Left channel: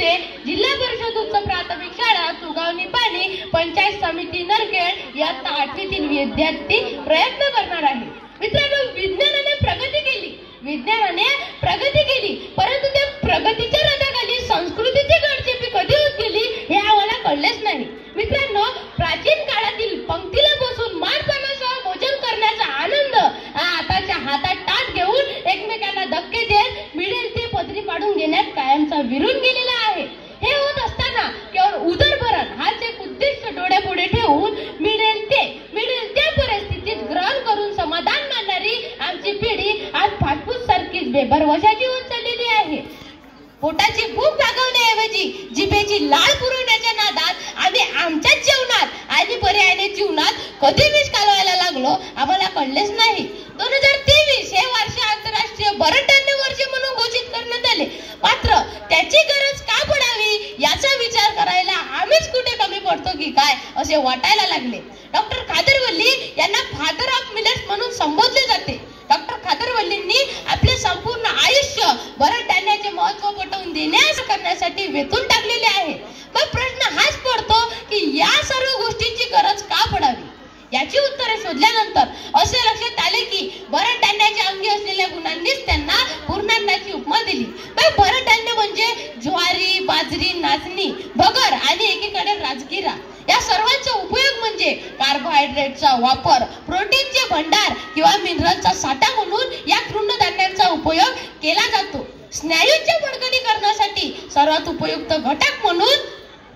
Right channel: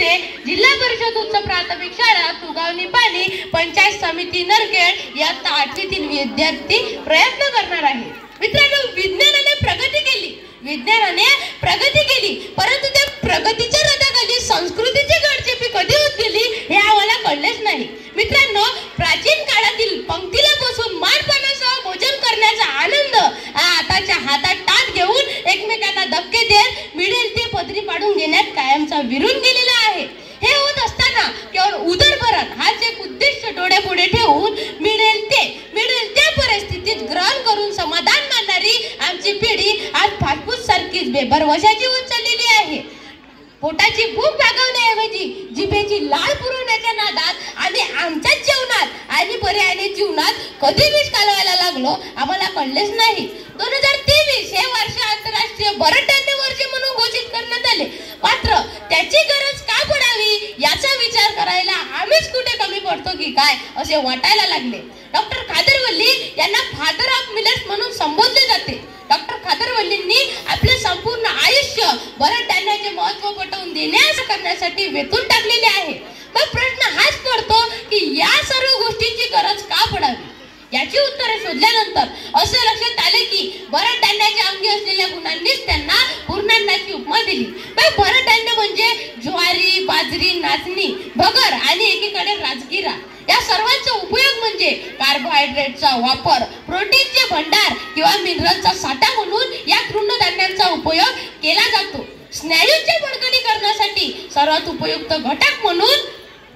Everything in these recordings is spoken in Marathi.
भुसे, जिल्हा परिषद उच्च प्राथमिक शाळा तुगावनी पाणी, पंचायत समिती नरखेड इयत्ता 8वीतील विद्यार्थी प्रयत्न करणार आहे. मित्रांनो, विज्ञानाने प्रगती केली, परंतु त्या प्रगतीच्या रथाखाली संस्कृतीची गडचेपी कधी होत गेली हे आम्हाला कळलेच नाही. मित्रांनो, प्राचीन काळातील पंक्तीला बसून मारपाण्यासह भोजन करण्याचा आनंद आताच्या हातात ताट घेऊन एकमेकांना धक्के देत मिळेल ते पदरी पाडून घेण्यात कायमचा विरून गेलेला आहे. हे होत असताना केवळ उदरभरण हाच एक उद्दिष्ट डोळ्यापुढे ठेवून मिळेल त्या परिस्थितीत ग्रहण करून समाधान मानणारी आमची पिढी आज फास्टफूड सारखीच बेभरवशाची होत चाललेली आहे. पोटाची भूक भागवण्याऐवजी जिभेची लाळ पुरवण्याच्या नादात आम्ही आमच्याच जेवणात आणि पर्यायाने जीवनात कधी विष घालवायला लागलो आम्हाला कळलेच नाही. 2023 हे वर्ष आंतरराष्ट्रीय बरडधान्य वर्ष म्हणून घोषित करण्यात आले, मात्र त्याची गरज का पडावी याचा विचार करायला आम्हीच कुठे कमी पडतो की काय असे वाटायला लागले. डॉक्टर खादरवल्ली यांना फादर ऑफ मिलेट्स म्हणून संबोधले जाते. डॉक्टर खादरवल्लींनी आपले संपूर्ण आयुष्य बरडधान्याचे महत्त्व पटवून देण्यास करण्यासाठी वेचून टाकलेले आहे. मग प्रश्न हाच पडतो की या सर्व गोष्टींची गरज का पडावी. याची उत्तरे शोधल्यानंतर असे लक्षात आले की बरडधान्याच्या अंगी असलेल्या गुणांनीच त्यांना पूर्णान्नाची उपमा दिली. बरडधान्य म्हणजे ज्वारी, बाजरी, नाचणी, भगर आणि एकीकडे राजगिरा या सर्वांचा उपयोग म्हणजे कार्बोहायड्रेटचा वापर, प्रोटीनचे भंडार किंवा मिनरलचा साठा म्हणून या तृणधान्यांचा उपयोग केला जातो. स्नायूंच्या बळकटीकरणासाठी सर्वात उपयुक्त घटक म्हणून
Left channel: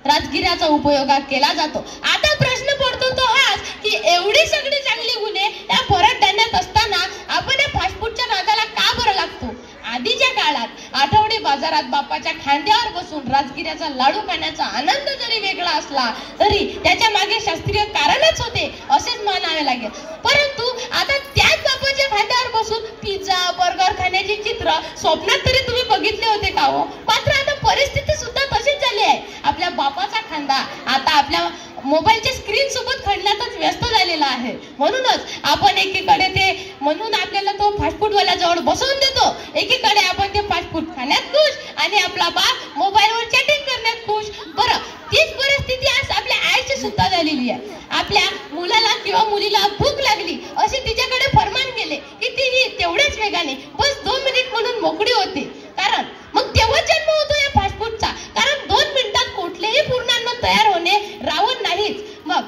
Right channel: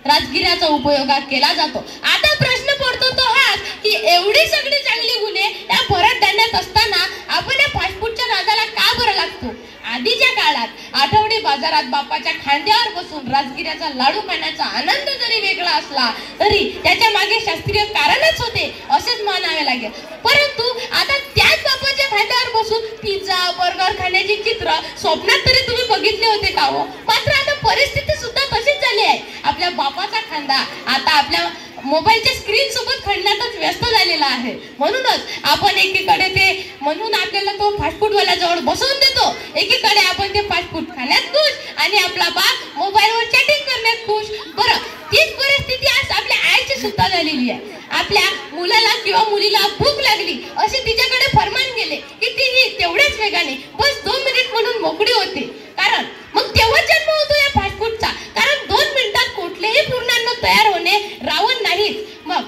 राजगिराचा उपयोग केला जातो. आता प्रश्न पडतो तो हाच की एवढी सगळी चांगली गुणे या बरडधान्यात असताना आपण या फास्टफूडच्या नादाला का बरं लागतो. आधीच्या काळात आठवडी बाजारात बापाच्या खांद्यावर बसून राजगिऱ्याचा लाडू खाण्याचा आनंद जरी वेगळा असला तरी त्याच्या मागे शास्त्रीय कारणच होते असेच मानावे लागेल. परंतु आता त्याच बापाच्या खांद्यावर बसून पिझ्झा, बर्गर खाण्याची चित्र स्वप्नात तरी तुम्ही बघितले होते का हो. मात्र आता परिस्थिती सुद्धा तशीच झाली आहे. आपल्या बापाचा खांदा आता आपल्या मोबाईलच्या स्क्रीन सोबत खेळण्यातच व्यस्त झालेला आहे. म्हणूनच आपण एकीकडे ते म्हणून आपल्याला तो फास्टफूडवाला जवळ बसवून देतो, एकीकडे आपण ते फास्टफूड खाण्यात खुश आणि आपला बाप मोबाईलवर चॅटिंग करण्यात खुश. बरं, तीच परिस्थिती आज आपल्या आईची सुद्धा झालेली आहे. आपल्या मुलाला किंवा मुलीला भूक लागली असे तिच्याकडे फरमान गेले की तीही तेवढ्याच वेगाने बस 2 मिनिट म्हणून मोकळी होते. कारण मग तेव्हा जन्म होतो या फास्टफूडचा. कारण 2 मिनिटात कुठलेही पूर्णान्न तयार होणे रावण नाहीच. मग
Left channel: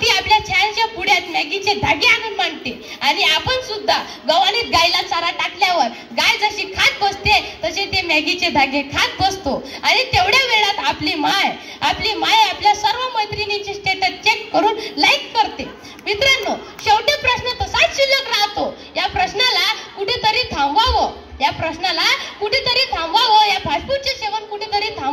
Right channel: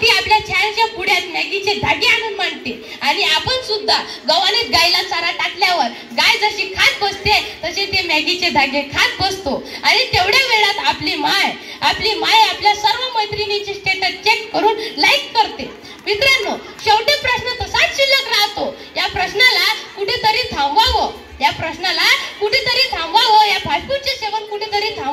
ती आपल्या छानशा पुढ्यात मॅगीचे धागे आणून मांडते आणि आपण सुद्धा गव्हाणीत गायला चारा टाकल्यावर गाय जशी खात बसते तसे ते मॅगीचे धागे खात बसतो आणि तेवढ्या वेळात आपली माय आपल्या सर्व मैत्रिणींचे स्टेटस चेक करून लाईक करते. मित्रांनो, शेवटी प्रश्न तसाच शिल्लक राहतो. या प्रश्नाला कुठेतरी थांबवावं, या फास्टफूडचे सेवन कुठेतरी थांबवावं